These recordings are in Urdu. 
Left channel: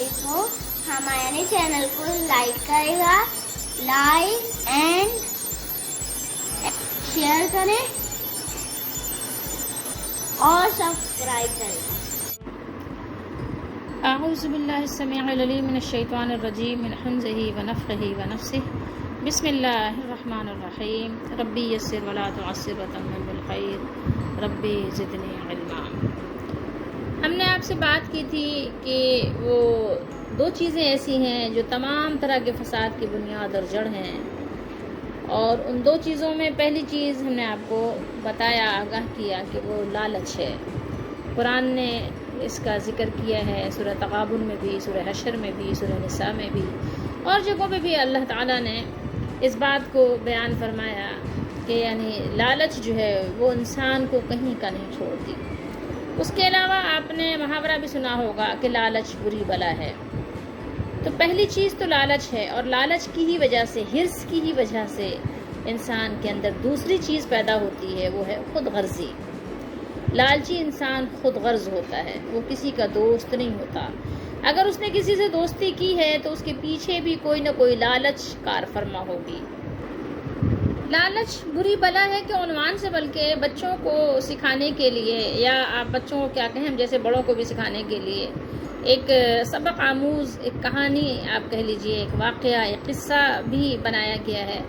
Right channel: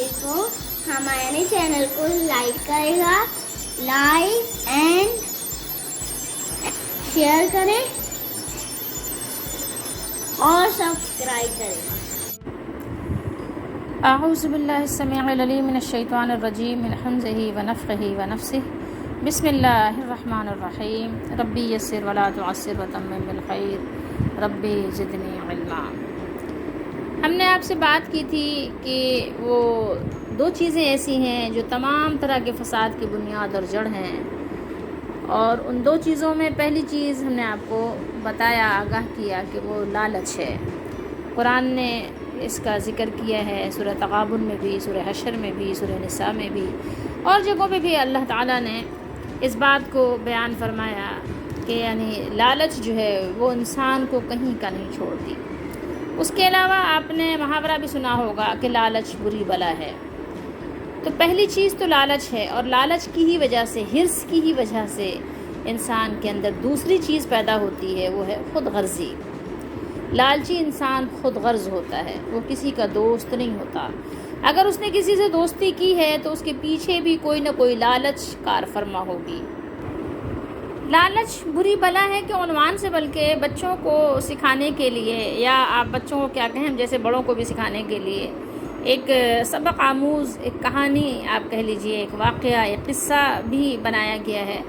علیکم. ہمارے چینل کو لائک کرے گا, لائک اینڈ شیئر کریں اور سبسکرائب کریں. اعوذ باللہ السمیع العلیم من الشیطان الرجیم من حمزہ ونفخہ ونفثہ. بسم اللہ الرحمن الرحیم. ربی یسر ولا تعسر وتمم بالخیر ربی زدنی علما. ہم نے آپ سے بات کی تھی کہ وہ دو چیزیں ایسی ہیں جو تمام طرح کے فساد کی بنیاد اور جڑ ہیں، اور ان دو چیزوں میں پہلی چیز ہم نے آپ کو بتایا، آگاہ کیا کہ وہ لالچ ہے. قرآن نے اس کا ذکر کیا ہے سورہ تغابن میں بھی، سورہ حشر میں بھی، سورہ نساء میں بھی، اور جگہوں پہ بھی اللہ تعالیٰ نے اس بات کو بیان فرمایا کہ یعنی لالچ جو ہے وہ انسان کو کہیں کا نہیں چھوڑتی. اس کے علاوہ آپ نے محاورہ بھی سنا ہوگا کہ لالچ بری بلا ہے. تو پہلی چیز تو لالچ ہے، اور لالچ کی ہی وجہ سے، حرص کی ہی وجہ سے انسان کے اندر دوسری چیز پیدا ہوتی ہے، وہ ہے خود غرضی. لالچی انسان خود غرض ہوتا ہے، وہ کسی کا دوست نہیں ہوتا. اگر اس نے کسی سے دوستی کی ہے تو اس کے پیچھے بھی کوئی نہ کوئی لالچ کار فرما ہوگی. لالچ بری بلا ہے کہ عنوان سے بلکہ بچوں کو سکھانے کے لیے، یا آپ بچوں کو کیا کہیں، جیسے بڑوں کو بھی سکھانے کے لیے ایک سبق آموز، ایک کہانی آپ کہہ لیجئے، ایک واقعہ، ایک قصہ بھی بنایا گیا ہے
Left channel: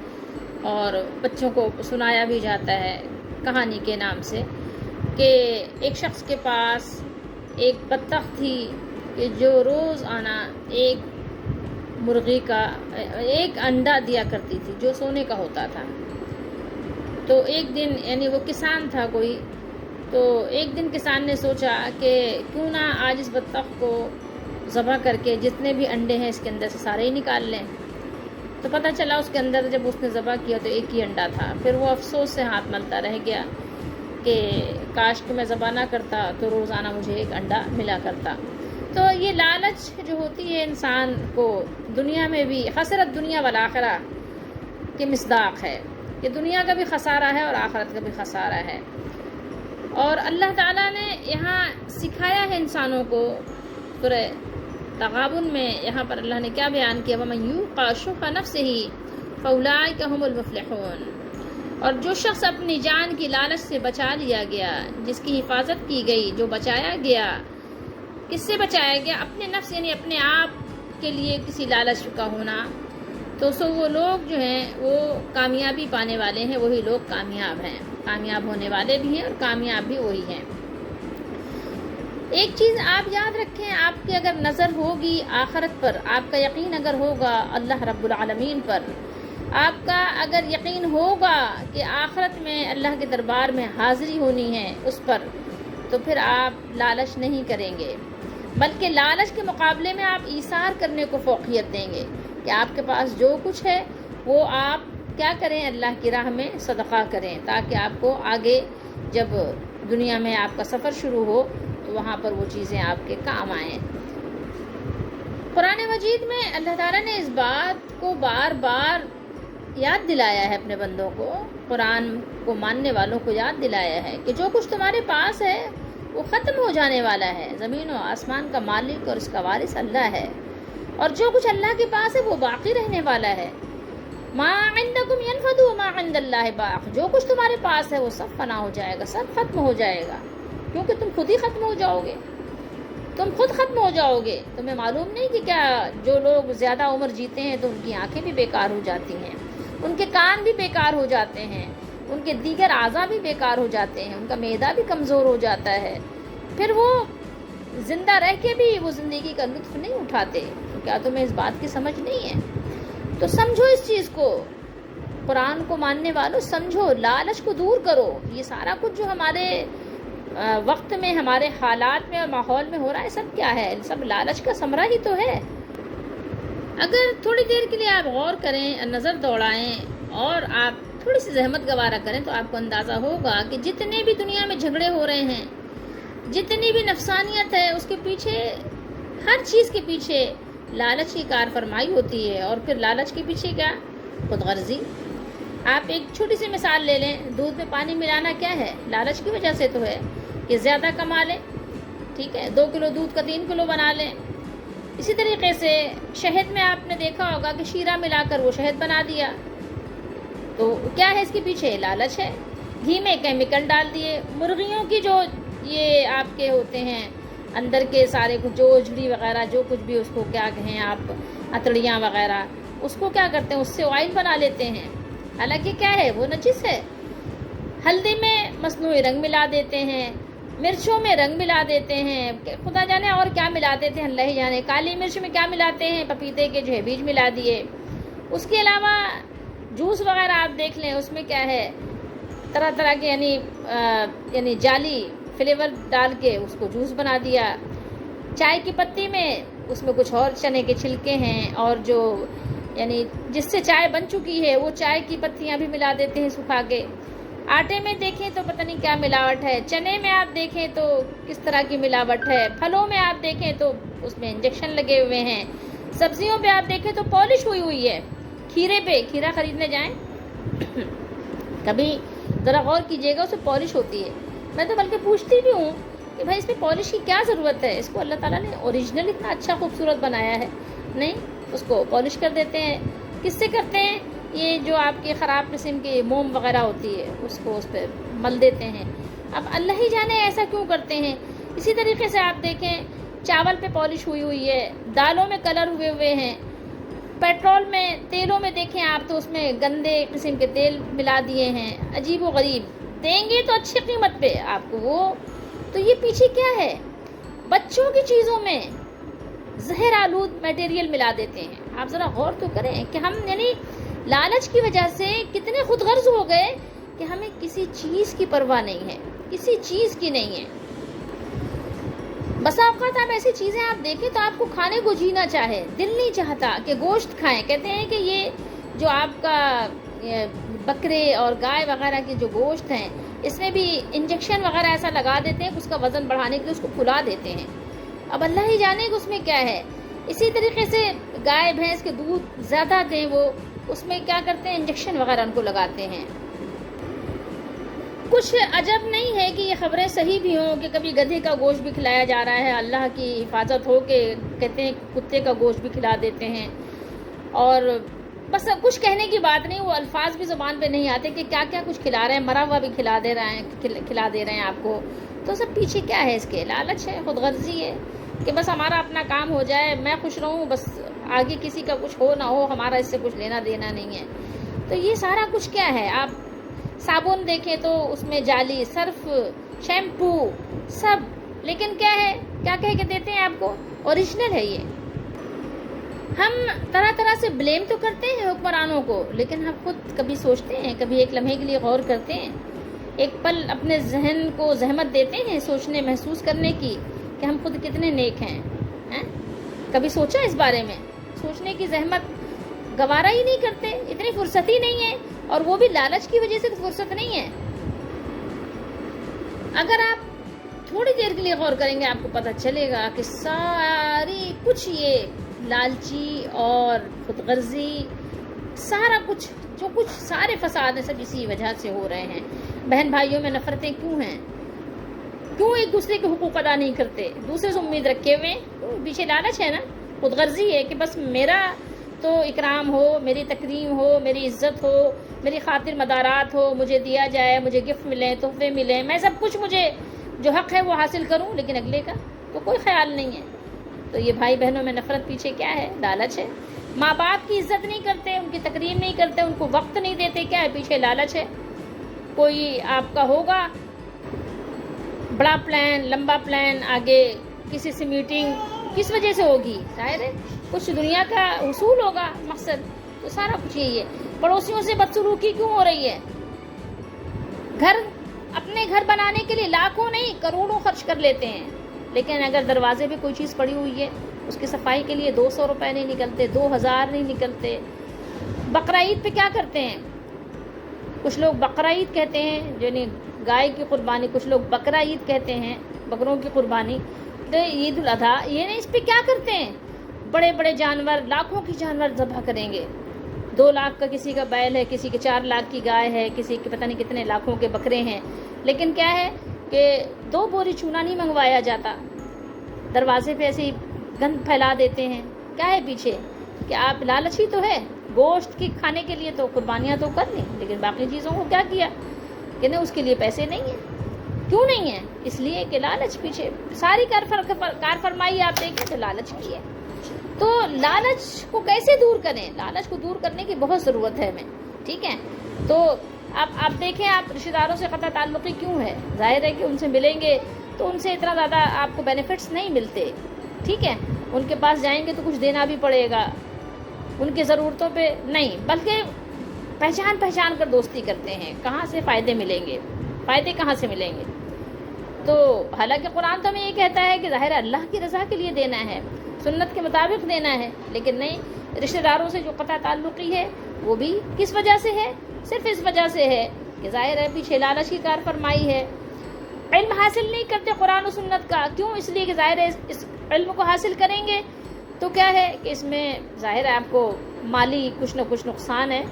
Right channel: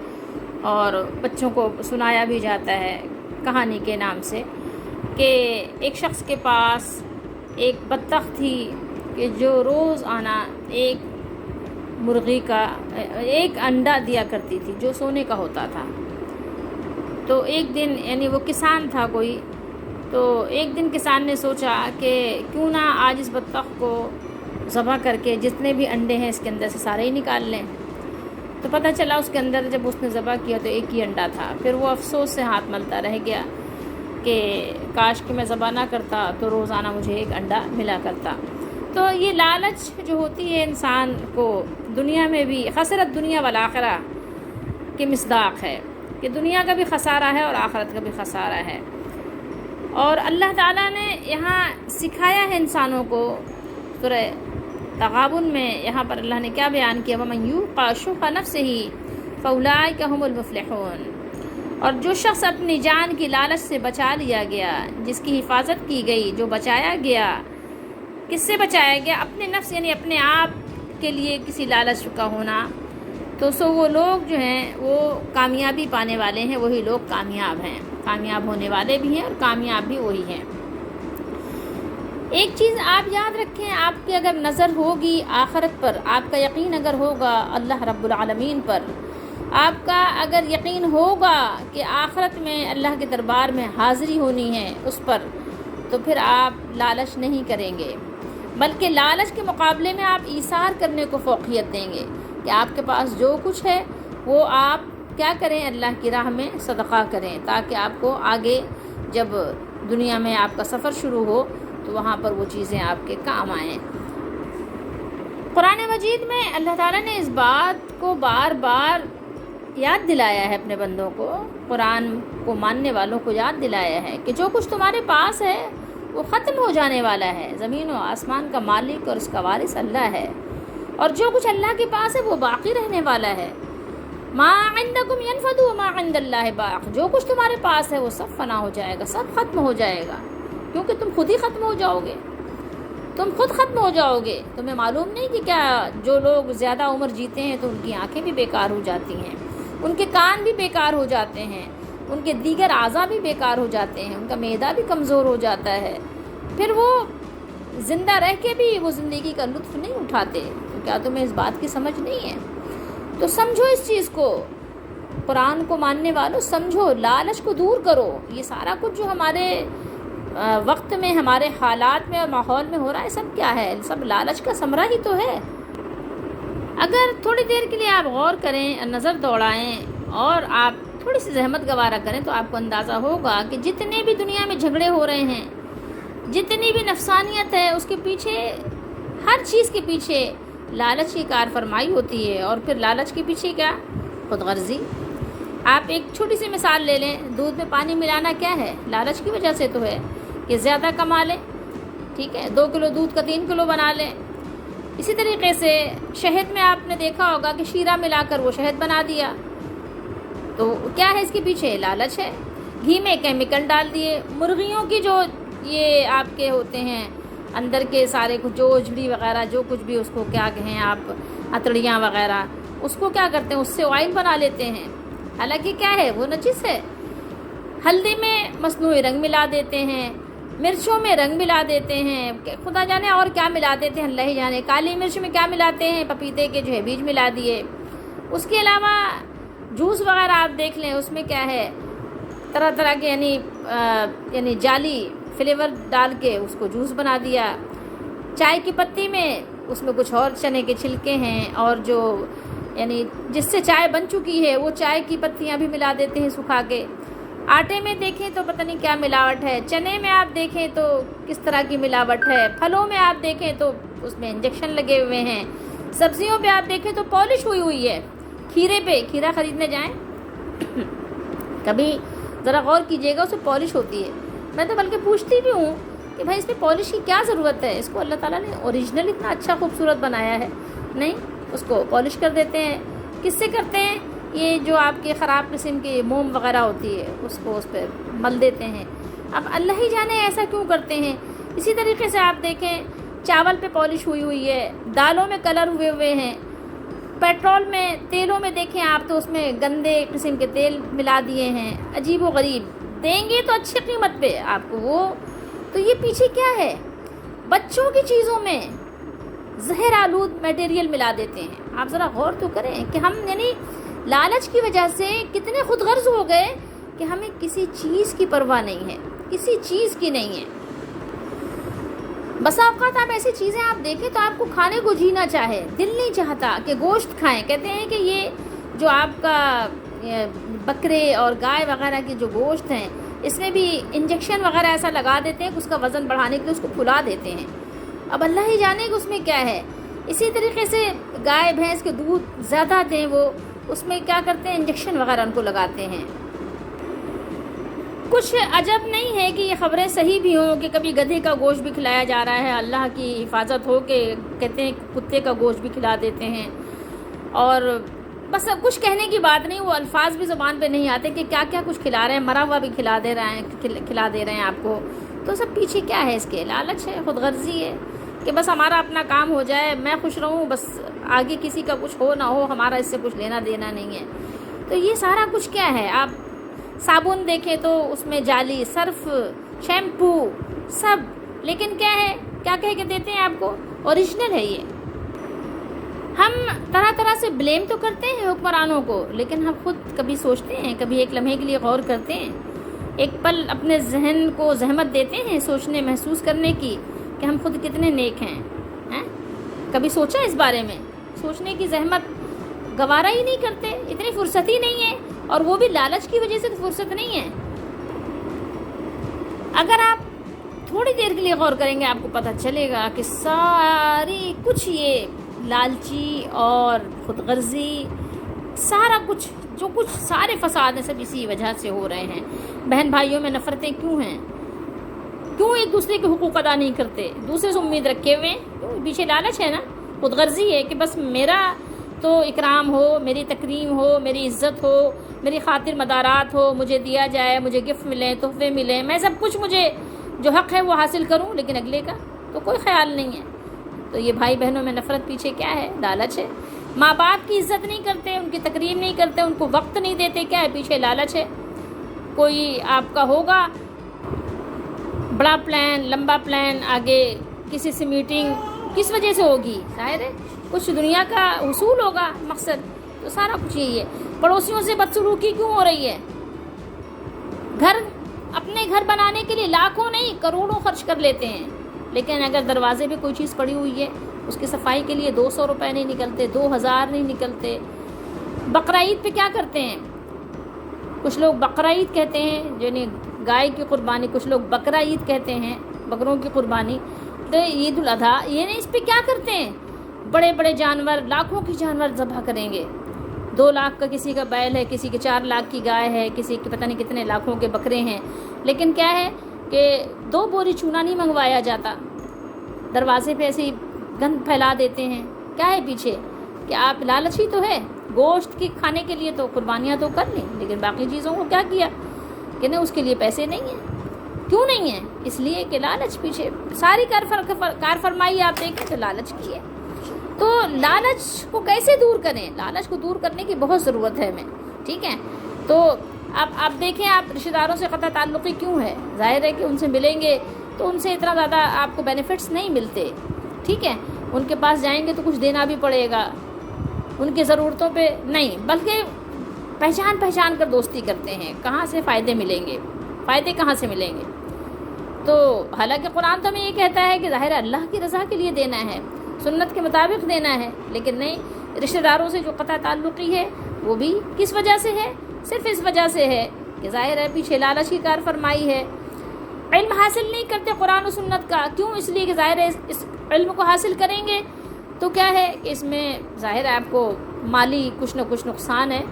اور بچوں کو سنایا بھی جاتا ہے کہانی کے نام سے، کہ ایک شخص کے پاس ایک بطخ تھی کہ جو روز آنا ایک مرغی کا ایک انڈا دیا کرتی تھی جو سونے کا ہوتا تھا. تو ایک دن، یعنی وہ کسان تھا کوئی، تو ایک دن کسان نے سوچا کہ کیوں نہ آج اس بطخ کو ذبح کر کے جتنے بھی انڈے ہیں اس کے اندر سے سارے ہی نکال لیں. تو پتہ چلا اس کے اندر جب اس نے ذبح کیا تو ایک ہی انڈا تھا. پھر وہ افسوس سے ہاتھ ملتا رہ گیا کہ کاش کہ میں ذبح نہ کرتا تو روزانہ مجھے ایک انڈا ملا کرتا. تو یہ لالچ جو ہوتی ہے انسان کو دنیا میں بھی خسرت دنیا والآخرہ کی مصداق ہے، کہ دنیا کا بھی خسارہ ہے اور آخرت کا بھی خسارہ ہے. اور اللہ تعالیٰ نے یہاں سکھایا ہے انسانوں کو. سورہ تغابن میں یہاں پر اللہ نے کیا بیان کیا، وَمَن یُوقَ شُحَّ نَفْسِهِ فَأُولَٰئِکَ هُمُ الْمُفْلِحُونَ. اور جو شخص اپنی جان کی لالچ سے بچا لیا گیا، جس کی حفاظت کی گئی، جو بچایا گیا، کس سے بچایا گیا؟ اپنے نفس، یعنی اپنے آپ کے لیے کسی لالچ کا ہونا. تو وہ لوگ جو ہیں وہ کامیابی پانے والے ہیں، وہی لوگ کامیاب ہیں، کامیاب ہونے والے بھی ہیں اور کامیاب بھی وہی ہیں. ایک چیز آپ یاد رکھیں، آپ کی اگر نظر ہوگی آخرت پر، آپ کا یقین اگر ہوگا اللہ رب العالمین پر، آپ کا اگر یقین ہوگا کہ آخرت میں اللہ کے دربار میں حاضری ہونی ہے اس پر، تو پھر آپ لالچ نہیں کریں گے، بلکہ لالچ کے مقابلے میں آپ ایثار کرنے کو فوقیت دیں گے، کہ آپ کے پاس جو کچھ ہے وہ آپ کیا کریں، اللہ کی راہ میں صدقہ کریں، تاکہ آپ کو آگے جب دنیا میں آپ کا سفر شروع ہو تو وہاں پر وہ چیزیں آپ کے کام آئیں. قرآن مجید میں اللہ تعالیٰ نے اس بات کو بار بار یاد دلایا ہے اپنے بندوں کو، قرآن کو ماننے والوں کو یاد دلایا ہے کہ جو کچھ تمہارے پاس ہے وہ ختم ہو جانے والا ہے. زمین و آسمان کا مالک اور اس کا وارث اللہ ہے، اور جو کچھ اللہ کے پاس ہے وہ باقی رہنے والا ہے. ما عندکم ینفد وما عند اللہ باق. جو کچھ تمہارے پاس ہے وہ سب فنا ہو جائے گا، سب ختم ہو جائے گا، کیونکہ تم خود ہی ختم ہو جاؤ گے، تم خود ختم ہو جاؤ گے. تمہیں معلوم نہیں کہ کیا جو لوگ زیادہ عمر جیتے ہیں تو ان کی آنکھیں بھی بیکار ہو جاتی ہیں، ان کے کان بھی بیکار ہو جاتے ہیں، ان کے دیگر اعضاء بھی بیکار ہو جاتے ہیں، ان کا معدہ بھی کمزور ہو جاتا ہے، پھر وہ زندہ رہ کے بھی وہ زندگی کا لطف نہیں اٹھاتے. کیا تمہیں اس بات کی سمجھ نہیں ہے؟ تو سمجھو اس چیز کو، قرآن کو ماننے والوں سمجھو، لالچ کو دور کرو. یہ سارا کچھ جو ہمارے وقت میں، ہمارے حالات میں اور ماحول میں ہو رہا ہے، سب کیا ہے؟ سب لالچ کا ثمرہ ہی تو ہے. اگر تھوڑی دیر کے لیے آپ غور کریں، نظر دوڑائیں اور آپ تھوڑی سی زحمت گوارا کریں تو آپ کو اندازہ ہوگا کہ جتنے بھی دنیا میں جھگڑے ہو رہے ہیں، جتنی بھی نفسانیت ہے، اس کے پیچھے، ہر چیز کے پیچھے لالچ کی کار فرمائی ہوتی ہے. اور پھر لالچ کے پیچھے کیا؟ خود غرضی. آپ ایک چھوٹی سی مثال لے لیں، دودھ میں پانی ملانا کیا ہے؟ لالچ کی وجہ سے تو ہے کہ زیادہ کما لیں. ٹھیک ہے، 2 کلو دودھ کا 3 کلو بنا لیں. اسی طریقے سے شہد میں آپ نے دیکھا ہوگا کہ شیرہ ملا کر وہ شہد بنا دیا، تو کیا ہے اس کے پیچھے؟ لالچ ہے۔ گھی میں کیمیکل ڈال دیے، مرغیوں کی جو یہ آپ کے ہوتے ہیں اندر کے سارے کچھ جو اجڑی وغیرہ جو کچھ بھی اس کو کیا کہیں آپ، اتڑیاں وغیرہ، اس کو کیا کرتے ہیں، اس سے آئل بنا لیتے ہیں، حالانکہ کیا ہے وہ نجس ہے۔ ہلدی میں مصنوعی رنگ ملا دیتے ہیں، مرچوں میں رنگ ملا دیتے ہیں، خدا جانے اور کیا ملا دیتے ہیں، اللہ ہی جانے۔ کالی مرچ میں کیا ملاتے ہیں، پپیتے کے جو ہے بیج ملا دیے۔ اس کے علاوہ جوس وغیرہ آپ دیکھ لیں، اس میں کیا ہے، طرح طرح کے یعنی جعلی فلیور ڈال کے اس کو جوس بنا دیا۔ چائے کی پتی میں اس میں کچھ اور چنے کے چھلکے ہیں، اور جو یعنی جس سے چائے بن چکی ہے وہ چائے کی پتیاں بھی ملا دیتے ہیں سکھا کے۔ آٹے میں دیکھیں تو پتہ نہیں کیا ملاوٹ ہے، چنے میں آپ دیکھیں تو کس طرح کی ملاوٹ ہے، پھلوں میں آپ دیکھیں تو اس میں انجیکشن لگے ہوئے ہیں، سبزیوں پہ آپ دیکھیں تو پالش ہوئی ہے۔ کھیرے پہ کھیرا خریدنے جائیں کبھی ذرا غور کیجیے گا، اس میں پالش ہوتی ہے۔ میں تو بلکہ پوچھتی بھی ہوں کہ بھائی اس میں پالش کی کیا ضرورت ہے، اس کو اللہ تعالیٰ نے اوریجنل اتنا اچھا خوبصورت بنایا ہے، نہیں اس کو پالش کر دیتے ہیں۔ کس سے کرتے ہیں؟ یہ جو آپ کی خراب قسم کی موم وغیرہ ہوتی ہے اس کو اس پہ مل دیتے ہیں۔ اب اللہ ہی جانے ایسا کیوں کرتے ہیں۔ اسی طریقے سے آپ دیکھیں چاول پہ پالش ہوئی ہے، دالوں میں کلر ہوئے ہیں، پیٹرول میں، تیلوں میں دیکھیں آپ تو اس میں گندے قسم کے تیل ملا دیے ہیں، عجیب و غریب۔ دیں گے تو اچھی قیمت پہ آپ کو وہ، تو یہ پیچھے کیا ہے؟ بچوں کی چیزوں میں زہر آلود میٹیریل ملا دیتے ہیں۔ آپ ذرا غور تو کریں کہ ہم یعنی لالچ کی وجہ سے کتنے خود غرض ہو گئے کہ ہمیں کسی چیز کی پرواہ نہیں ہے، کسی چیز کی نہیں ہے۔ بسا اوقات آپ ایسی چیزیں آپ دیکھیں تو آپ کو کھانے کو جی نہ چاہے، دل نہیں چاہتا کہ گوشت کھائیں۔ کہتے ہیں کہ یہ جو آپ کا بکرے اور گائے وغیرہ کی جو گوشت ہیں اس میں بھی انجیکشن وغیرہ ایسا لگا دیتے ہیں کہ اس کا وزن بڑھانے کے لیے اس کو پھلا دیتے ہیں۔ اب اللہ ہی جانے کہ اس میں کیا ہے۔ اسی طریقے سے گائے بھینس کے دودھ زیادہ دیں وہ، اس میں کیا کرتے ہیں، انجیکشن وغیرہ ان کو لگاتے ہیں۔ کچھ عجب نہیں ہے کہ یہ خبریں صحیح بھی ہوں کہ کبھی گدھے کا گوشت بھی کھلایا جا رہا ہے، اللہ کی حفاظت ہو کے کہتے ہیں کتے کا گوشت بھی کھلا دیتے ہیں۔ اور بس کچھ کہنے کی بات نہیں، وہ الفاظ بھی زبان پہ نہیں آتے کہ کیا کیا کچھ کھلا رہے ہیں، مرا ہوا بھی کھلا دے رہے ہیں آپ کو۔ تو سب پیچھے کیا ہے، اس کے لالچ ہے، خود غرضی ہے کہ بس ہمارا اپنا کام ہو جائے، میں خوش رہوں، بس آگے کسی کا کچھ ہو نہ ہو، ہمارا اس سے کچھ لینا دینا نہیں ہے۔ تو یہ سارا کچھ کیا ہے۔ آپ صابن دیکھیں تو اس میں جعلی، صرف، شیمپو سب، لیکن کیا ہے، کیا کہہ کے دیتے ہیں آپ کو، اوریجنل ہے یہ۔ ہم طرح طرح سے بلیم تو کرتے ہیں حکمرانوں کو، لیکن ہم خود کبھی سوچتے ہیں، کبھی ایک لمحے کے لیے غور کرتے ہیں، ایک پل اپنے ذہن کو زحمت دیتے ہیں سوچنے محسوس کرنے کی کہ ہم خود کتنے نیک ہیں۔ کبھی سوچا اس بارے میں؟ سوچنے کی زحمت گوارا ہی نہیں کرتے، اتنی فرصت ہی نہیں ہے، اور وہ بھی لالچ کی وجہ سے فرصت نہیں ہے۔ اگر آپ تھوڑی دیر کے لیے غور کریں گے آپ کو پتہ چلے گا کہ ساری کچھ یہ لالچی اور خود غرضی، سارا کچھ جو کچھ سارے فساد ہیں سب اسی وجہ سے ہو رہے ہیں۔ بہن بھائیوں میں نفرتیں کیوں ہیں؟ کیوں ایک دوسرے کے حقوق ادا نہیں کرتے، دوسرے سے امید رکھے ہوئے؟ پیچھے لالچ ہے نا، خود غرضی ہے کہ بس میرا تو اکرام ہو، میری تکریم ہو، میری عزت ہو، میری خاطر مدارات ہو، مجھے دیا جائے، مجھے گفٹ ملیں، تحفے ملیں، میں سب کچھ مجھے جو حق ہے وہ حاصل کروں، لیکن اگلے کا تو کوئی خیال نہیں ہے۔ تو یہ بھائی بہنوں میں نفرت پیچھے کیا ہے؟ لالچ ہے۔ ماں باپ کی عزت نہیں کرتے، ان کی تکریم نہیں کرتے، ان کو وقت نہیں دیتے، کیا ہے؟ پیچھے لالچ ہے۔ کوئی آپ کا ہوگا بڑا پلان، لمبا پلان، آگے کسی سے میٹنگ کس وجہ سے ہوگی؟ ظاہر ہے کچھ دنیا کا حصول ہوگا مقصد، تو سارا کچھ یہی ہے۔ پڑوسیوں سے بدسلوکی کیوں ہو رہی ہے؟ اپنے گھر بنانے کے لیے لاکھوں نہیں کروڑوں خرچ کر لیتے ہیں، لیکن اگر دروازے پہ کوئی چیز پڑی ہوئی ہے اس کی صفائی کے لیے 200 روپے نہیں نکلتے، 2000 نہیں نکلتے۔ بقرعید پہ کیا کرتے ہیں؟ کچھ لوگ بقرعید کہتے ہیں یعنی گائے کی قربانی، کچھ لوگ بقرعید کہتے ہیں بکروں کی قربانی، تو عید الاضحیٰ، یہ نہیں، اس پہ کیا کرتے ہیں؟ بڑے بڑے جانور، لاکھوں کے جانور ذبح کریں گے۔ 2 لاکھ کا کسی کا بیل ہے، کسی کے 4 لاکھ کی گائے ہے، کسی کے پتہ نہیں کتنے لاکھوں کے بکرے ہیں، لیکن کیا ہے کہ 2 بوری چونا نہیں منگوایا جاتا، دروازے پہ ایسی گند پھیلا دیتے ہیں. کیا ہے پیچھے؟ کہ آپ لالچی تو ہے، گوشت کی کھانے کے لیے تو قربانیاں تو کر لیں، لیکن باقی چیزوں کو کیا کیا کہ نہیں، اس کے لیے پیسے نہیں ہیں. کیوں نہیں ہیں؟ اس لیے کہ لالچ پیچھے. ساری کار فرمائی آپ دیکھیں تو لالچ کی ہے. تو لالچ کو کیسے دور کریں؟ لالچ کو دور کرنے کی بہت ضرورت ہے ہمیں. ٹھیک ہے. تو آپ دیکھیں، آپ رشتہ داروں سے قطع تعلقی کیوں ہے؟ ظاہر ہے کہ ان سے ملیں گے تو ان سے اتنا زیادہ آپ کو بینیفٹس نہیں ملتے. ٹھیک ہے. ان کے پاس جائیں گے تو کچھ دینا بھی پڑے گا، ان کی ضرورتوں پہ نہیں، بلکہ پہچان کر دوستی کرتے ہیں. کہاں سے فائدے ملیں گے؟ فائدے کہاں سے ملیں گے؟ تو حالانکہ قرآن تو ہمیں یہ کہتا ہے کہ ظاہر اللہ کی رضا کے لیے دینا ہے، سنت کے مطابق دینا ہے، لیکن نہیں، رشتہ داروں سے جو قطع تعلقی ہے وہ بھی کس وجہ سے ہے؟ صرف اس وجہ سے ہے کہ ظاہر ہے پیچھے لالچ کی کار فرمائی ہے. علم حاصل نہیں کرتے قرآن و سنت کا. کیوں؟ اس لیے کہ ظاہر ہے اس علم کو حاصل کریں گے تو کیا ہے کہ اس میں ظاہر ہے آپ کو مالی کچھ نہ کچھ نقصان ہے.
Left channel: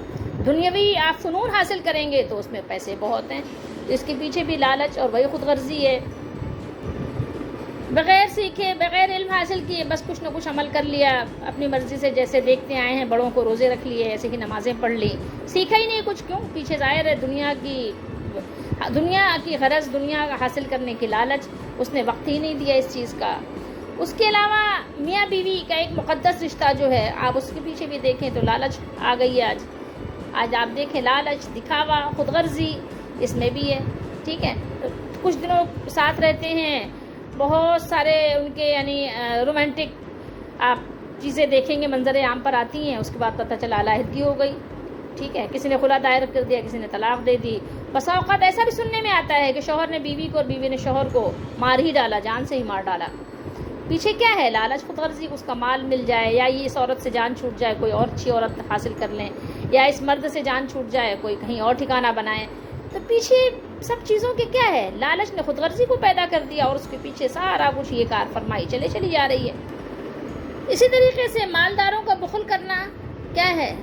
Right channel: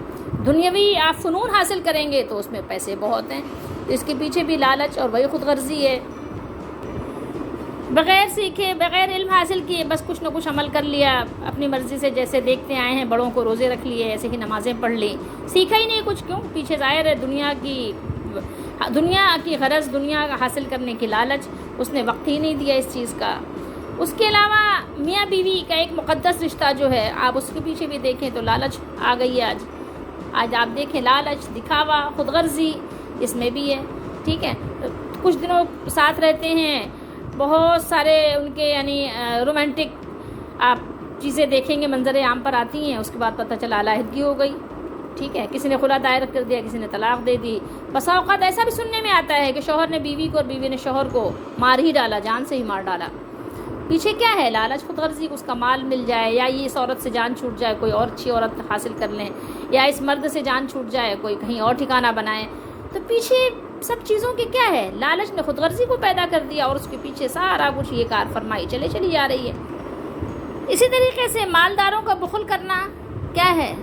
دنیاوی آپ فنون حاصل کریں گے تو اس میں پیسے بہت ہیں، اس کے پیچھے بھی لالچ اور وہی خود غرضی ہے. بغیر سیکھے، بغیر علم حاصل کیے بس کچھ نہ کچھ عمل کر لیا اپنی مرضی سے، جیسے دیکھتے آئے ہیں بڑوں کو روزے رکھ لیے، ایسے ہی نمازیں پڑھ لی، سیکھا ہی نہیں کچھ. کیوں؟ پیچھے ظاہر ہے دنیا کی غرض، دنیا کا حاصل کرنے کی لالچ، اس نے وقت ہی نہیں دیا اس چیز کا. اس کے علاوہ میاں بیوی کا ایک مقدس رشتہ جو ہے، آپ اس کے پیچھے بھی دیکھیں تو لالچ آ گئی ہے. آج آپ دیکھیں لالچ، دکھاوا، خود غرضی اس میں بھی ہے. ٹھیک ہے. کچھ دنوں ساتھ رہتے ہیں، بہت سارے ان کے یعنی رومانٹک آپ چیزیں دیکھیں گے، منظر عام پر آتی ہیں، اس کے بعد پتہ چلا علیحدگی ہو گئی. ٹھیک ہے. کسی نے خلا دائر کر دیا، کسی نے طلاق دے دی. بسا اوقات ایسا بھی سننے میں آتا ہے کہ شوہر نے بیوی کو اور بیوی نے شوہر کو مار ہی ڈالا، جان سے ہی مار ڈالا. پیچھے کیا ہے؟ لالچ، خود غرضی. اس کا مال مل جائے، یا یہ اس عورت سے جان چھوٹ جائے، کوئی اور اچھی عورت حاصل کر لیں، یا اس مرد سے جان چھوٹ جائے، کوئی کہیں اور ٹھکانہ بنائے. تو پیچھے سب چیزوں کے کیا ہے؟ لالچ نے خود غرضی کو پیدا کر دیا، اور اس کے پیچھے سارا کچھ یہ کار فرمائی چلی جا رہی ہے. اسی طریقے سے مالداروں کا بخل کرنا کیا ہے؟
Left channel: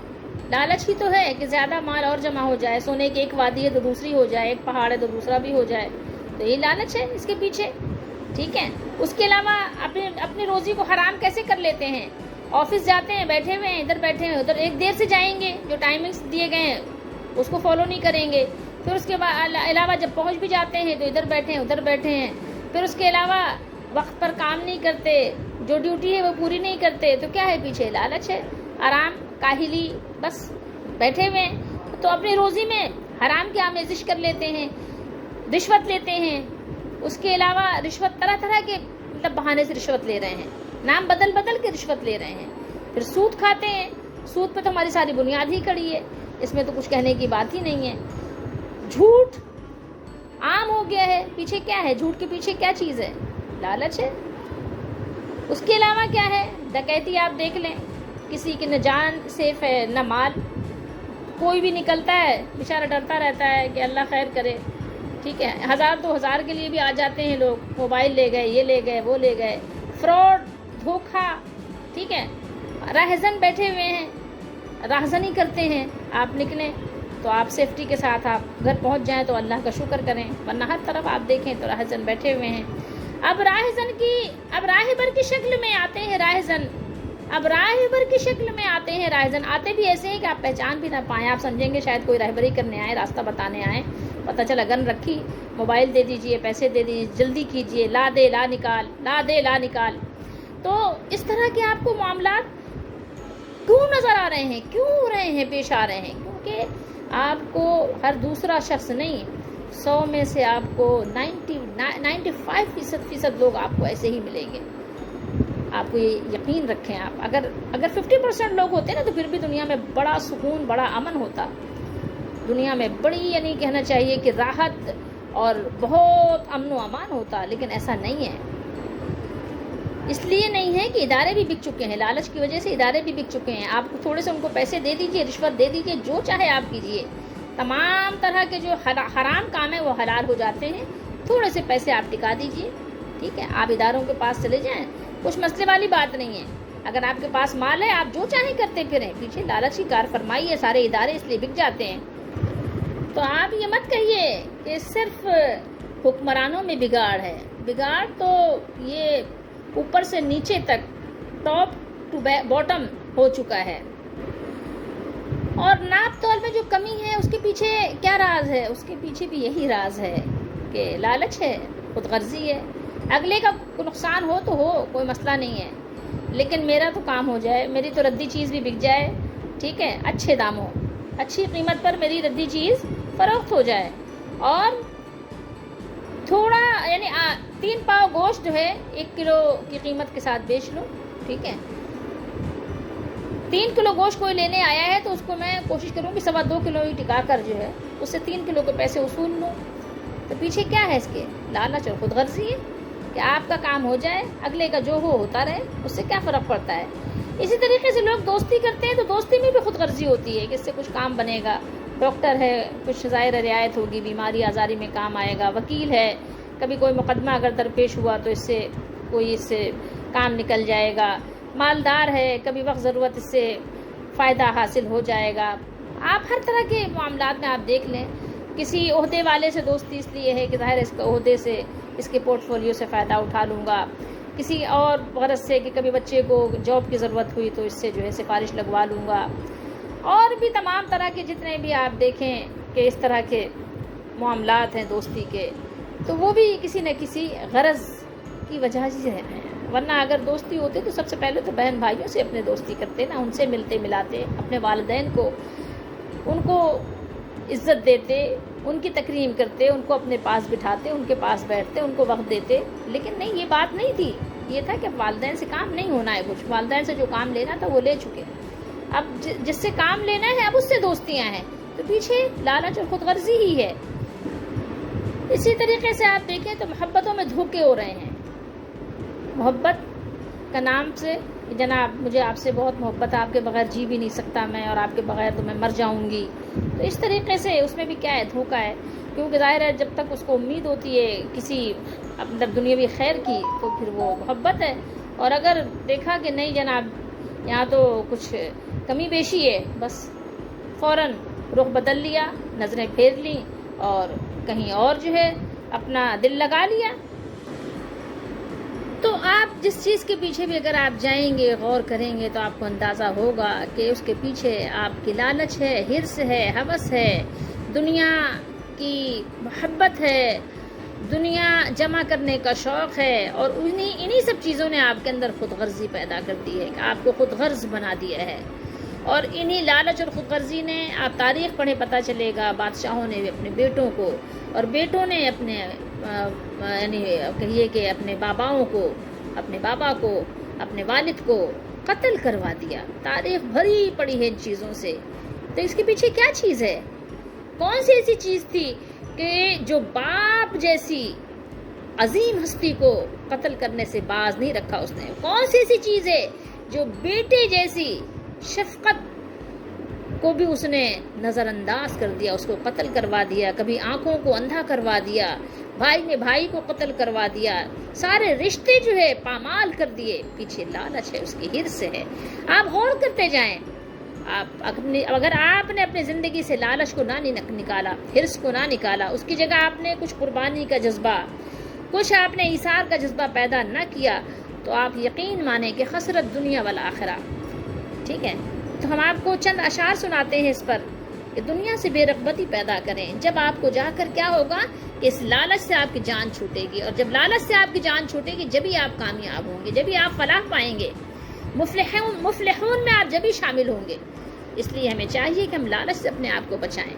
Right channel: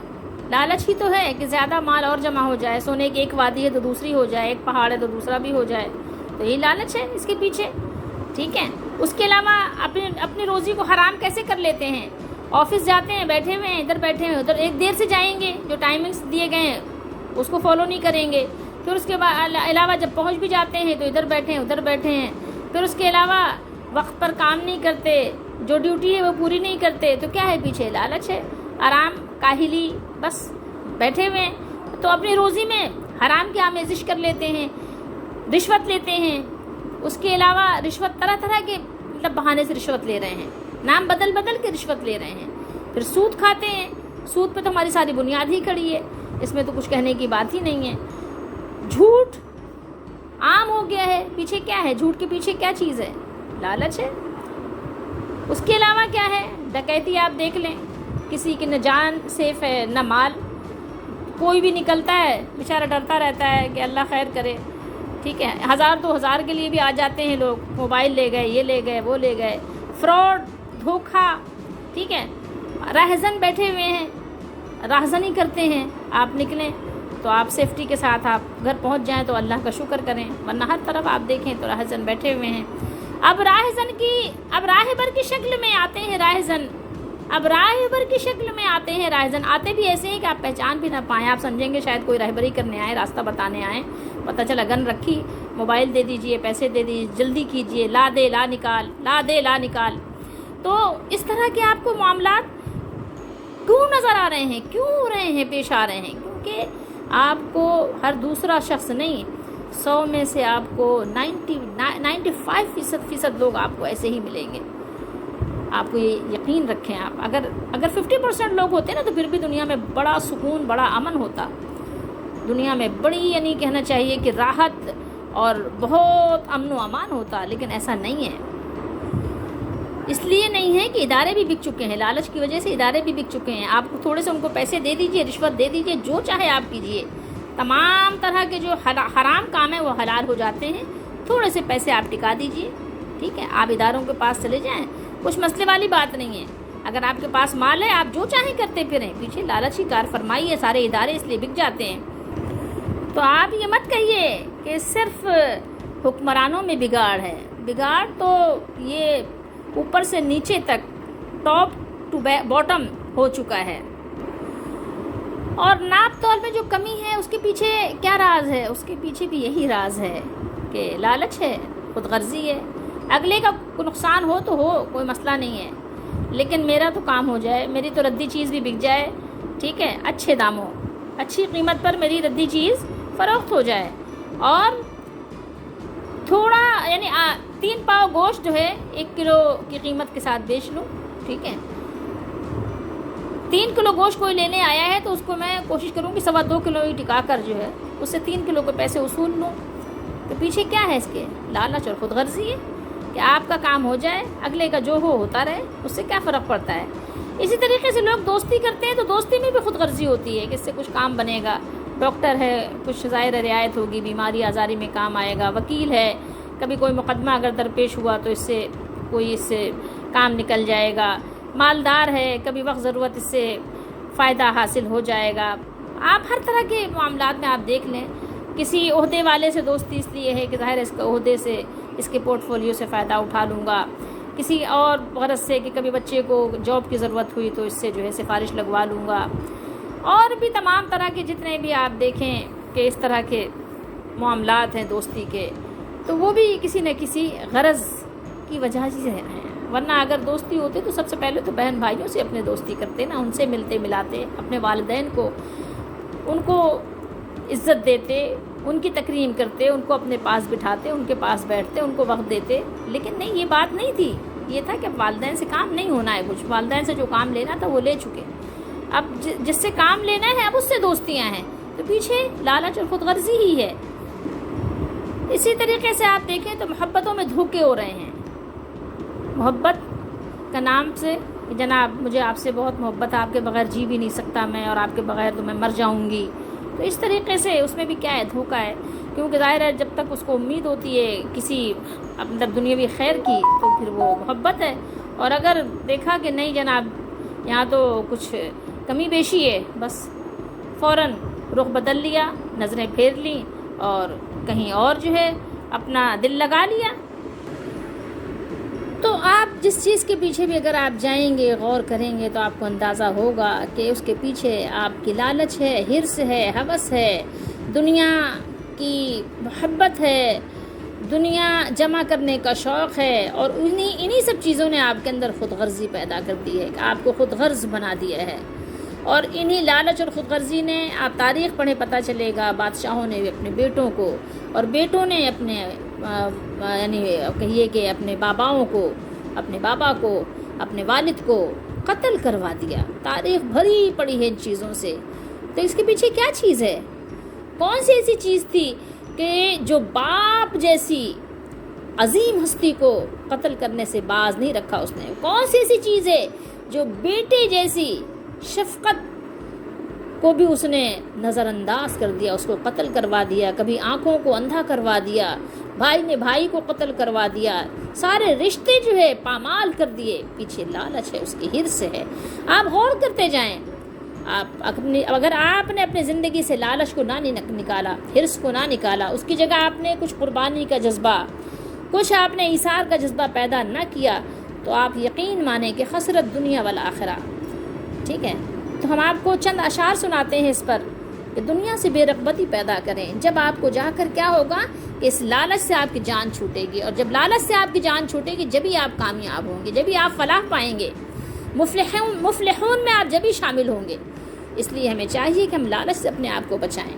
لالچ ہی تو ہے کہ زیادہ مال اور جمع ہو جائے. سونے کی ایک وادی ہے تو دوسری ہو جائے، ایک پہاڑ ہے تو دوسرا بھی ہو جائے. تو یہ لالچ ہے اس کے پیچھے. ٹھیک ہے. اس کے علاوہ اپنی روزی کو حرام کیسے کر لیتے ہیں؟ آفس جاتے ہیں، بیٹھے ہوئے ہیں، ادھر بیٹھے ہیں، ادھر ایک دیر سے جائیں گے، جو ٹائمنگس دیے گئے ہیں اس کو فالو نہیں کریں گے. پھر اس کے علاوہ جب پہنچ بھی جاتے ہیں تو ادھر بیٹھے ہیں، ادھر بیٹھے ہیں. پھر اس کے علاوہ وقت پر کام نہیں کرتے، جو ڈیوٹی ہے وہ پوری نہیں کرتے. تو کیا ہے پیچھے؟ لالچ ہے. آرام، کاہلی، بس بیٹھے ہوئے ہیں. تو اپنی روزی میں حرام کی آمیزش کر لیتے ہیں، رشوت لیتے ہیں. اس کے علاوہ رشوت طرح طرح کے مطلب بہانے سے رشوت لے رہے ہیں، نام بدل کے رشوت لے رہے ہیں. پھر سود کھاتے ہیں. سود پہ تو ہماری ساری بنیاد ہی کھڑی ہے، اس میں تو کچھ کہنے کی بات ہی نہیں ہے. جھوٹ عام ہو گیا ہے. پیچھے کیا ہے؟ جھوٹ کے پیچھے کیا چیز ہے؟ لالچ ہے. اس کے علاوہ کیا ہے؟ ڈکیتی. آپ دیکھ لیں، کسی کی نہ جان سیف ہے نہ مال. کوئی بھی نکلتا ہے بیچارہ ڈرتا رہتا ہے کہ اللہ خیر کرے. ٹھیک ہے. 1000 2000 کے لیے بھی آ جاتے ہیں لوگ، موبائل لے گئے، یہ لے گئے، وہ لے گئے. فراڈ، دھوکہ. ٹھیک ہے. راہزن بیٹھے ہوئے ہیں، راہزنی کرتے ہیں. آپ نکلیں تو آپ سیفٹی کے ساتھ آپ گھر پہنچ جائیں تو اللہ کا شکر کریں، ورنہ ہر طرف آپ دیکھیں تو راہزن بیٹھے ہوئے ہیں. اب راہبر کی شکل میں آتے ہیں راہزن. آتے بھی ایسے ہیں کہ آپ پہچان بھی نہ پائیں. آپ سمجھیں گے شاید کوئی رہبری کرنے آئے، راستہ بتانے آئے. پتہ چلا گن رکھی، موبائل دے دیجئے، پیسے دے دیجئے، جلدی کیجئے، لا دے لا نکال. تو اس طرح کے آپ کو معاملات کیوں نظر آ رہے ہیں، پیش آ رہے ہیں؟ کیونکہ آپ کو ہر دوسرا شخص نہیں، 100 میں سے آپ کو 95% لوگ آپ کو ایسے ہی ملیں گے. آپ کو یہ یقین رکھیں. آپ اگر 50% لوگ ہوتے نا تو پھر بھی دنیا میں بڑا سکون، بڑا امن ہوتا. دنیا میں بڑی یعنی کہنا چاہیے کہ راحت اور بہت امن و امان ہوتا، لیکن ایسا نہیں ہے. اس لیے نہیں ہے کہ ادارے بھی بک چکے ہیں، لالچ کی وجہ سے ادارے بھی بک چکے ہیں. آپ کو تھوڑے سے ان کو پیسے دے دیجئے، رشوت دے دیجئے، جو چاہے آپ کیجئے. تمام طرح کے جو حرام کام ہیں وہ حلال ہو جاتے ہیں. تھوڑے سے پیسے آپ ٹکا دیجئے. ٹھیک ہے. آپ اداروں کے پاس چلے جائیں، کچھ مسئلے والی بات نہیں ہے. اگر آپ کے پاس مال ہے، آپ جو چاہیں کرتے پھریں. پیچھے لالچ کی کار فرمائی ہے، سارے ادارے اس لیے بک جاتے ہیں. تو آپ یہ مت کہیے کہ صرف حکمرانوں میں بگاڑ ہے. بگاڑ تو یہ اوپر سے نیچے تک ٹاپ ٹو باٹم ہو چکا ہے. اور ناپ تول میں جو کمی ہے اس کے پیچھے کیا راز ہے؟ اس کے پیچھے بھی یہی راز ہے کہ لالچ ہے، خود غرضی ہے. اگلے کا نقصان ہو تو ہو، کوئی مسئلہ نہیں ہے، لیکن میرا تو کام ہو جائے، میری تو ردی چیز بھی بک جائے، ٹھیک ہے، اچھے داموں، اچھی قیمت پر میری ردی چیز فروخت ہو جائے. اور تھوڑا یعنی 3 پاؤ گوشت جو ہے 1 کلو کی قیمت کے ساتھ بیچ لوں، ٹھیک ہے. 3 کلو گوشت کوئی لینے آیا ہے تو اس کو میں کوشش کروں کہ 2.25 کلو ہی ٹکا کر جو ہے اس سے 3 کلو کے پیسے وصول لوں. تو پیچھے کیا ہے اس کے؟ لالچ اور خود غرضی ہے کہ آپ کا کام ہو جائے، اگلے کا جو ہوتا رہے، اس سے کیا فرق پڑتا ہے. اسی طریقے سے لوگ دوستی کرتے ہیں تو دوستی میں بھی خود غرضی ہوتی ہے کہ اس سے کچھ کام بنے گا. ڈاکٹر ہے، کچھ ظاہر رعایت ہوگی، بیماری آزاری میں کام آئے گا. وکیل ہے، کبھی کوئی مقدمہ اگر درپیش ہوا تو اس سے کام نکل جائے گا. مالدار ہے، کبھی وقت ضرورت اس سے فائدہ حاصل ہو جائے گا. آپ ہر طرح کے معاملات میں آپ دیکھ لیں. کسی عہدے والے سے دوستی اس لیے ہے کہ ظاہر اس کے عہدے سے، اس کے پورٹ فولیو سے فائدہ اٹھا لوں گا. کسی اور غرض سے کہ کبھی بچے کو جاب کی ضرورت ہوئی تو اس سے جو ہے سفارش لگوا لوں گا. اور بھی تمام طرح کے جتنے بھی آپ دیکھیں کہ اس طرح کے معاملات ہیں دوستی کے، تو وہ بھی کسی نہ کسی غرض کی وجہ سے ہیں. ورنہ اگر دوستی ہوتی تو سب سے پہلے تو بہن بھائیوں سے اپنے دوستی کرتے نا، ان سے ملتے ملاتے، اپنے والدین کو، ان کو عزت دیتے، ان کی تکریم کرتے، ان کو اپنے پاس بٹھاتے، ان کے پاس بیٹھتے، ان کو وقت دیتے. لیکن نہیں، یہ بات نہیں تھی. یہ تھا کہ والدین سے کام نہیں ہونا ہے، کچھ والدین سے جو کام لینا تھا وہ لے چکے. اب جس سے کام لینا ہے اب اس سے دوستیاں ہیں، تو پیچھے لالچ اور خود غرضی ہی ہے. اسی طریقے سے آپ دیکھیں تو محبتوں میں دھوکے ہو رہے ہیں. محبت کا نام سے جناب مجھے آپ سے بہت محبت ہے، آپ کے بغیر جی بھی نہیں سکتا میں، اور آپ کے بغیر تو میں مر جاؤں گی. تو اس طریقے سے اس میں بھی کیا ہے؟ دھوکا ہے. کیونکہ ظاہر ہے جب تک اس کو امید ہوتی ہے کسی اندر دنیاوی خیر کی تو پھر وہ محبت ہے. اور اگر دیکھا کہ نہیں جناب یہاں تو کچھ کمی بیشی ہے، بس فوراً رخ بدل لیا، نظریں پھیر لیں اور کہیں اور جو ہے اپنا دل لگا لیا. تو آپ جس چیز کے پیچھے بھی اگر آپ جائیں گے، غور کریں گے، تو آپ کو اندازہ ہوگا کہ اس کے پیچھے آپ کی لالچ ہے، حرص ہے، ہوس ہے، دنیا کی محبت ہے، دنیا جمع کرنے کا شوق ہے. اور انہی سب چیزوں نے آپ کے اندر خود غرضی پیدا کر دی ہے کہ آپ کو خود غرض بنا دیا ہے. اور انہی لالچ اور خود غرضی نے، آپ تاریخ پڑھیں پتہ چلے گا، بادشاہوں نے بھی اپنے بیٹوں کو، اور بیٹوں نے اپنے یعنی کہیے کہ اپنے باباؤں کو، اپنے بابا کو، اپنے والد کو قتل کروا دیا. تاریخ بھری پڑی ہے ان چیزوں سے. تو اس کے پیچھے کیا چیز ہے؟ کون سی ایسی چیز تھی کہ جو باپ جیسی عظیم ہستی کو قتل کرنے سے باز نہیں رکھا اس نے؟ کون سی ایسی چیز ہے جو بیٹے جیسی شفقت کو بھی اس نے نظر انداز کر دیا، اس کو قتل کروا دیا، کبھی آنکھوں کو اندھا کروا دیا، بھائی نے بھائی کو قتل کروا دیا، سارے رشتے جو ہے پامال کر دیے؟ پیچھے لالچ ہے، اس کی حرص ہے. آپ غور کرتے جائیں. اگر آپ نے اپنی زندگی سے لالچ کو نہ نکالا، حرص کو نہ نکالا، اس کی جگہ آپ نے کچھ قربانی کا جذبہ، کچھ آپ نے ایثار کا جذبہ پیدا نہ کیا، تو آپ یقین مانیں کہ خسرت دنیا والآخرہ. ٹھیک ہے، تو ہم آپ کو چند اشعار سناتے ہیں اس پر کہ دنیا سے بے رغبتی پیدا کریں. جب آپ کو جا کر کیا ہوگا کہ اس لالچ سے آپ کی جان چھوٹے گی، اور جب لالچ سے آپ کی جان چھوٹے گی جبھی آپ کامیاب ہوں گے، جبھی آپ فلاح پائیں گے، مفلحون میں آپ جبھی شامل ہوں گے. اس لیے ہمیں چاہیے کہ ہم لالچ سے اپنے آپ کو بچائیں.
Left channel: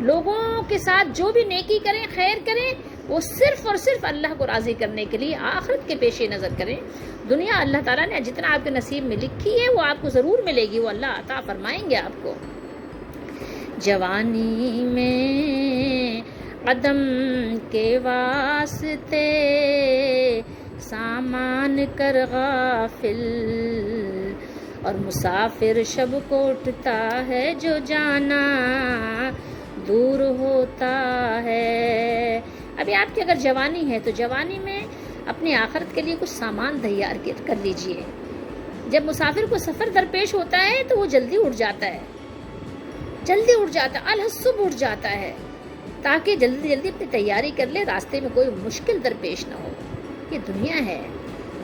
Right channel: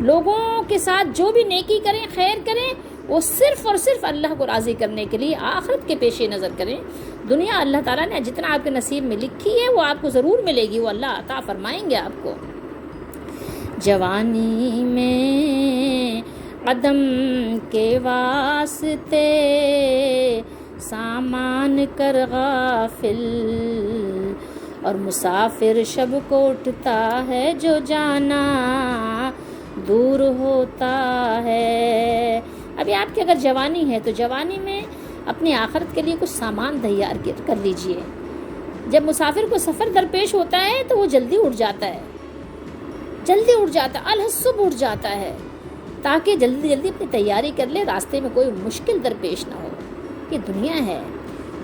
لوگوں کے ساتھ جو بھی نیکی کریں، خیر کریں، وہ صرف اور صرف اللہ کو راضی کرنے کے لیے آخرت کے پیش نظر کریں. دنیا اللہ تعالیٰ نے جتنا آپ کے نصیب میں لکھی ہے وہ آپ کو ضرور ملے گی، وہ اللہ عطا فرمائیں گے آپ کو. جوانی میں قدم کے واسطے سامان کر غافل، اور مسافر شب کو اٹھتا ہے جو جانا دور ہوتا ہے. ابھی آپ کی اگر جوانی ہے تو جوانی میں اپنی آخرت کے لیے کچھ سامان تیار کر لیجئے. جب مسافر کو سفر درپیش ہوتا ہے تو وہ جلدی اٹھ جاتا ہے، الحسب اٹھ جاتا ہے، تاکہ جلدی اپنی تیاری کر لے، راستے میں کوئی مشکل درپیش نہ ہو. یہ دنیا ہے،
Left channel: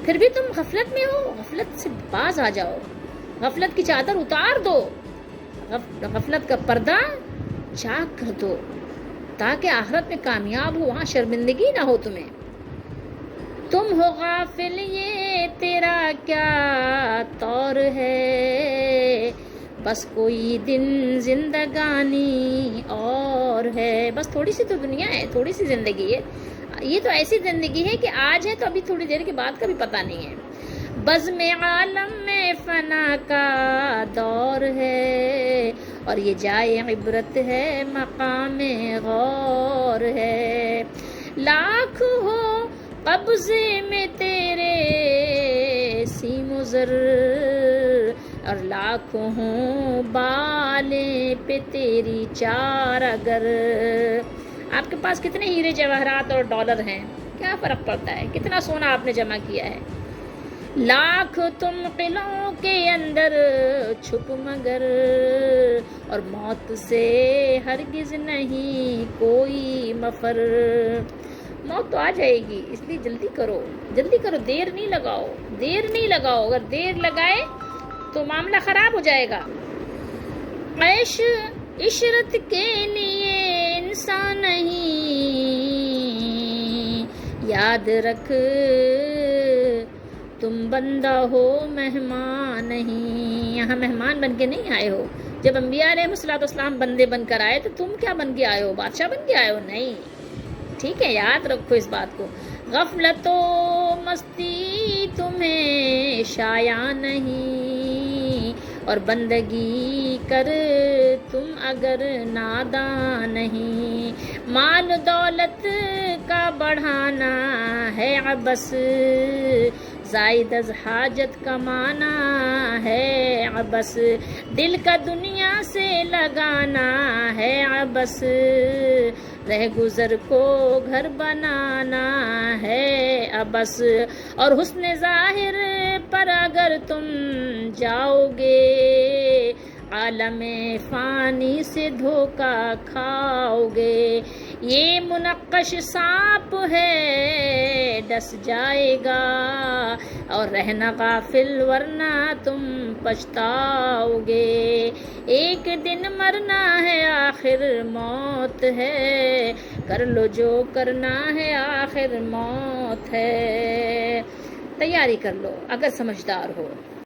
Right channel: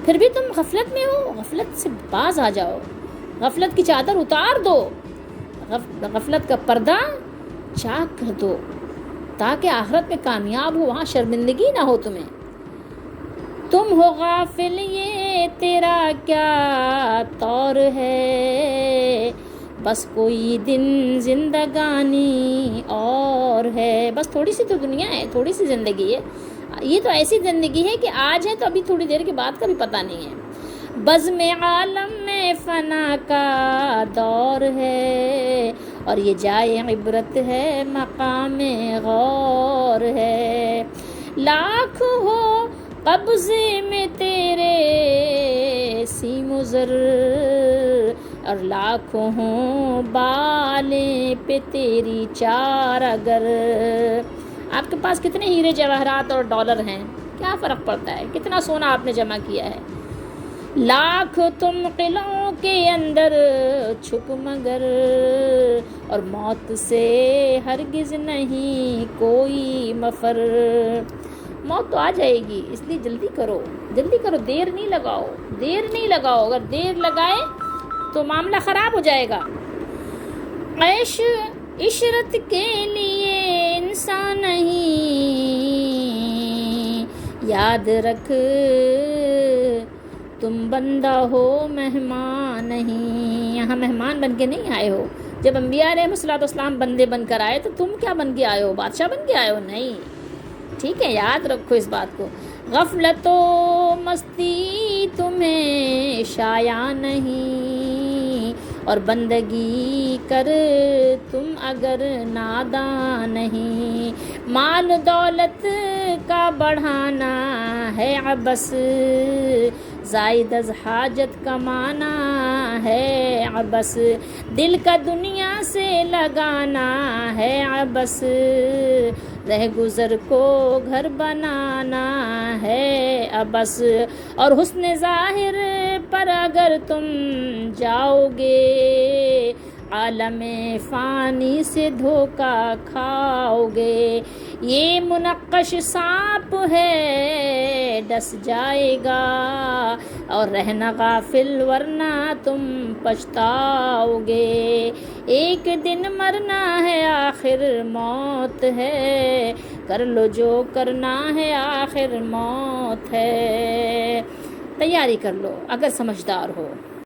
پھر بھی تم غفلت میں ہو. غفلت سے باز آ جاؤ, غفلت کی چادر اتار دو, غفلت کا پردہ چاک کر دو, تاکہ آخرت میں کامیاب ہو, وہاں شرمندگی نہ ہو تمہیں. تم ہو غافل یہ تیرا کیا طور ہے, بس کوئی دن زندگانی اور ہے. بس تھوڑی سی تو دنیا ہے, تھوڑی سی زندگی ہے. یہ تو ایسی زندگی ہے کہ آج ہے تو ابھی تھوڑی دیر کے بعد کا بھی پتہ نہیں ہے. بزم عالم میں فنا کا دور ہے, اور یہ جائے عبرت ہے, مقام غور ہے. لاکھ ہو قبضے میں تیرے سیم و زر, اور لاکھوں ہوں بالیں پہ تیری چار اگر. آپ کے پاس کتنے ہیرے جواہرات اور ڈالر ہیں, کیا فرق پڑتا ہے, کتنا سونا آپ نے جمع کیا ہے. لاکھ تم قلعوں کے اندر چھپ مگر, اور موت سے ہرگز نہیں کوئی مفر. موت تو آ جائے گی, اس لیے جلدی کرو, جلدی کرو, دیر نہیں لگاؤ, دیر نہیں لگاؤ. اگر دیر لگائے تو معاملہ خراب ہو جائے گا. عیش عشرت کے لیے انسان نہیں, یاد رکھ تم بندہ ہو مہمان نہیں. یہاں مہمان بن کے نہیں آئے ہو. جب انبیاء علیہ الصلوۃ والسلام بندے بن کر آئے تو تم کیا بن کے آئے ہو, بادشاہ بن کے آئے ہو؟ نہیں. ٹھیک ہے, یاد رکھو اس بات کو. غفلت و مستی تمہیں شایع نہیں, اور بندگی کر تم اگر نادان نہیں. مال دولت کا بڑھانا ہے عبث, زائد از حاجت کمانا ہے عبث. دل کا دنیا سے لگانا ہے عبث, رہ گزر کو گھر بنانا ہے عبث. اور حسن ظاہر پر اگر تم جاؤ گے, عالم فانی سے دھوکا کھاؤ گے. یہ منقش سانپ ہے ڈس جائے گا, اور رہنا غافل ورنہ تم پچھتاؤ گے. ایک دن مرنا ہے آخر موت ہے, کر لو جو کرنا ہے آخر موت ہے. تیاری کر لو اگر سمجھدار ہو.